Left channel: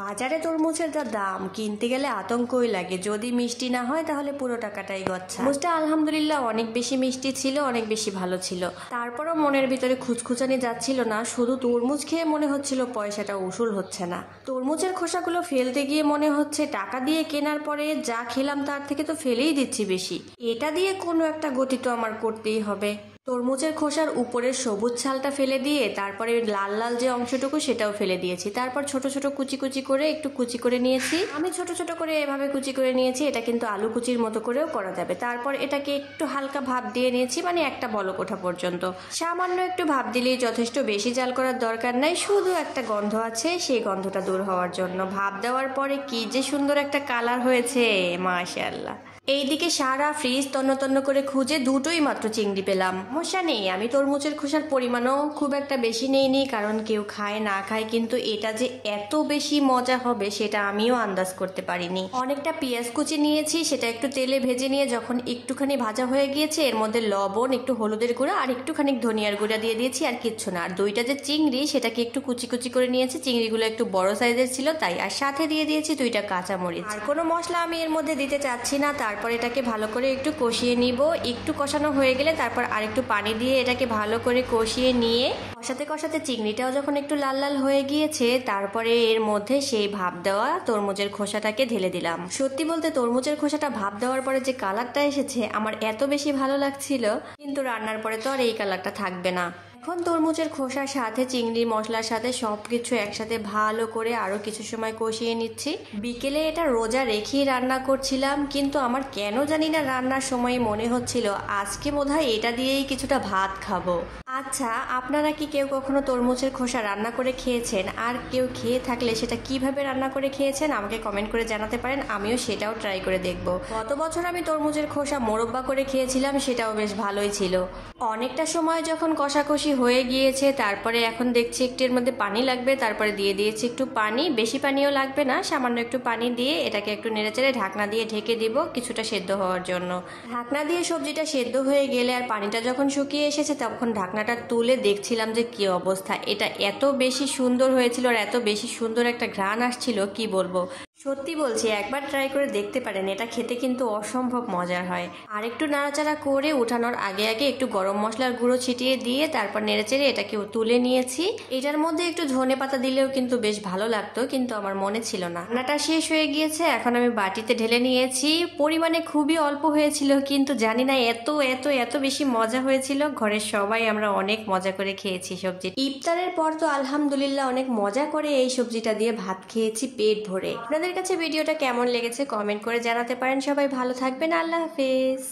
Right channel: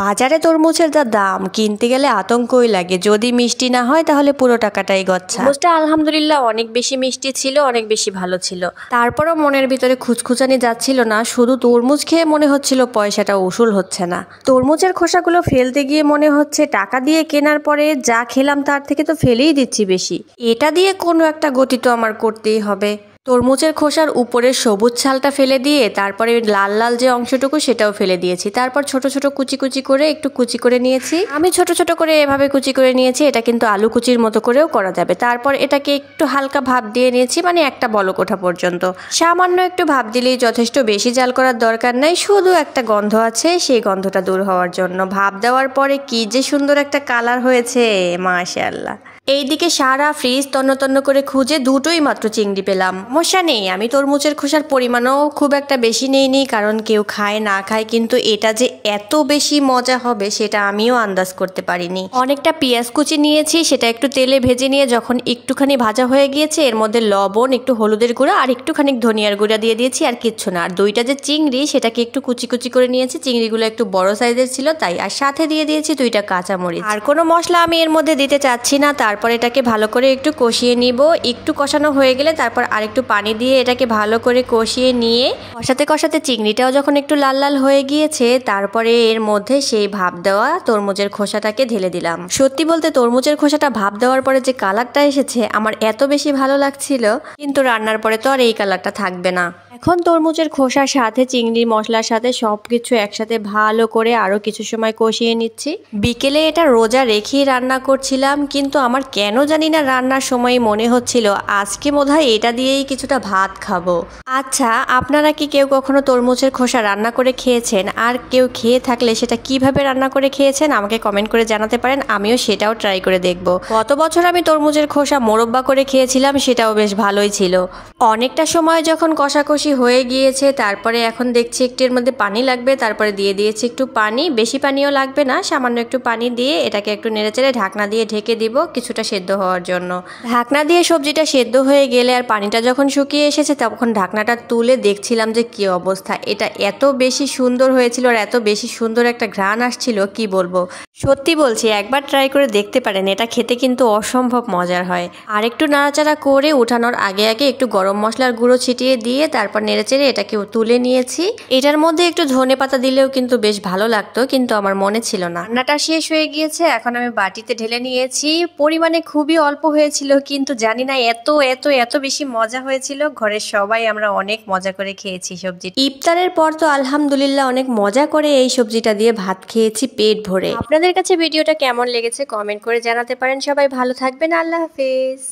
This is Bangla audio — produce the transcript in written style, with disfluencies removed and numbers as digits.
বাজারে তরমুজের যা দাম, কিনতে গেলে আতঙ্কই লাগে। যদি মিষ্টি না হয় তাহলে পুরো টাকাটাই গচ্ছা। তরমুজটা আলহামদুলিল্লাহ অনেক বেশি মিষ্টি ছিল, অনেক বেশি ভালো ছিল। তারপরও মনের ভিতরে খুঁতখুঁচানি যাচ্ছিল না, শুধু তরমুজ খেয়ে মনে হচ্ছিল পয়সাটা উসুল হচ্ছে না। তরমুজের খোসাগুলো ফেলতে গিয়ে মনে হচ্ছে টাকা দিয়ে কেনার পরে যা খেলাম তার থেকে তো ফেলেই দিচ্ছি বেশি। এটা দিয়ে কোনো একটা গতি তো আমার করতেই হবে। তরমুজের খোসার উপরের সবুজ ছালটা ফেলে দিয়ে তারপরে লাল লাল যে অংশটুকু সেটাও ফেলে দিয়েছি। তারপর ছোট ছোট কুচি কুচি করে একটু কুচি করে নিয়েছি। আমি ছোট ছোট করে এভাবে কুচি করে নিয়েছি। এটা কিন্তু আলু কুচির মতো করেও করা যাবে। তারপর এটাকে একটু হালকা ভাপ দিয়ে নিয়েছি, মানে একটা বলক ওঠা পর্যন্ত। সামান্য একটু ভাপ দিলেই যথেষ্ট, বেশি জাল করার দরকার নাই। শুধু একটা গন্ধ আছে, সেই গন্ধটা দূর হওয়ার জন্য। ভাপ দেওয়ার পরে কি যে সুন্দর একটা কালার হয়েছে, মাশাআল্লাহ। এইদিকে সারা ফ্রিজ তন্ন তন্ন করে খুঁজে দুটোই মাত্র চিংড়ি পেলাম। সমস্যা নেই, আমি তরমুজের খোসার পরিমাণও খুব একটা বেশি নেইনি, কারণ কেউ খায় না খায়, কিন্তু এটা যে এত বেশি মজা হবে সেটা আমিও আন্দাজ করতে পারিনি। অনেকটা পেঁয়াজ কুচি নিয়েছি, সেটা একটু তেলে ভেজে নিয়ে যখন একটুখানি ভাজা হয়ে গিয়েছে, এর মধ্যে লবণ, একটু হলুদের গুঁড়া আর একটুখানি ধনিয়ার গুঁড়া দিয়ে দিয়েছি, আর কিচ্ছু না। আর দুইটা যে চিংড়ি সেটাকে একটু কুচি কুচি করে নিয়েছি। চিংড়িগুলো একটু বড় সাইজের ছিল তাই। আর সাথে দিয়ে দিয়েছি দুইটা কাঁচামরিচ। আর কোনো মশলা আমি এর মধ্যে দিতে চাচ্ছি না। তারপর এটাকে ভালো করে একটু কষিয়ে নিব। একটু কষানো হয়ে গেলে তারপর আরেকটু পানি দিয়ে এটাকে ভালো করে কষিয়ে নিয়ে কষাতে কষাতে চিংড়িটাও যখন একটু লাল লাল হয়ে গিয়েছে, তারপরে এর মধ্যে সেই ভাপ দেওয়া তরমুজের খোসাটাকে ঢেলে দিলাম। সত্যি বলতে তরমুজের খোসাটা ভাপ দেওয়ার পরে যে কালারটা এসেছে আমার এত বেশি ভালো লাগছিল, কিন্তু রান্নার পরে তো আর এই কালারটা থাকবে না। এখন তরমুজের খোসার সাথে চিংড়ি মশলার সাথে সবকিছু একসাথে ভালো করে আরো কিছু সময় কষিয়ে নিচ্ছি। বিকেলে এটা রোজা রেখেই রান্না করছিলাম, কিন্তু আমার কেন জানি না রান্নার সময় মনে হচ্ছিল আজকে বোধহয় এটা দিয়েই কিছুটা ভাত খাবো। আচ্ছা, আপনারা কি কেউ কখনো তরমুজের খোসা রান্না করে খেয়েছেন? আর কেউ খেয়ে থাকলে সেটা কিভাবে রান্না করে খেয়েছেন আমাকে কমেন্ট করে জানাতে পারেন, আমিও সেটাও ট্রাই করে দেখব। গত বছর আমি তরমুজের খোসা মোরব্বা করে খেয়েছিলাম, সেটাও বেশ ভালোই ছিল। অনেকটা সময় যখন কষাকষি হয়ে গিয়েছে, তারপরে এখন দেখছি একটু এর মধ্যে পানি লাগবে, তারপরে দিয়ে দিয়েছি একটু পানি। বেশি পানিও লাগবে না, সামান্য একটু পানি দিয়ে এটাকে একটু নেড়েচেড়ে ঢাকনা দিয়ে ঢেকে দিব কিছুটা সেদ্ধ হওয়ার জন্য। ঢাকনা দিয়ে সবজিটা সেদ্ধ হয়ে গেলে আর পানিটা যখন শুকিয়ে এসেছে, তখন ঢাকনাটা তুলে দেখছিলাম যে কি অবস্থা। এটা এত বেশি সুন্দর হয়েছিল আর এত বেশি সুন্দর একটা ঘ্রাণ আসছিল, কি বলবো। সত্যি বলছি, একবার ট্রাই করে দেখতে পারেন, এটা খেতে কিন্তু অসম্ভব মজার হয়। আর একটু নাড়াচাড়া করে উঠানোর আগে আগে একটু গরম মশলার গুঁড়ো ছিটিয়ে দিয়ে তারপর নেড়েচেড়ে এটাকে তুলে নিয়েছি। এটার মধ্যে একটু ধনে পাতা দিলেও কিন্তু বেশ ভালো লাগতো, কিন্তু আমার মনে ছিল না। রান্নাটা শেষ হয়ে গিয়েছে, এখন আমি বাটিতে ঢেলে নিয়েছি। পরিমাণে খুবই অল্প হয়েছিল, কিন্তু জানি না এত এত এত বেশি মজা হয়েছিল। ঘরের সবাই আমরা অনেক মজা করে খেয়েছি সবজি। ইফতারের পর তো আলহামদুলিল্লাহ অনেক মজা করে এই সবজিটা দিয়ে ভাত খেয়েছি পেট ভরে। আপনাদের কাছে ভিডিওটা কেমন লেগেছে কমেন্ট করে জানাতে পারেন। সবাই ভালো থাকবেন, আল্লাহ হাফেজ।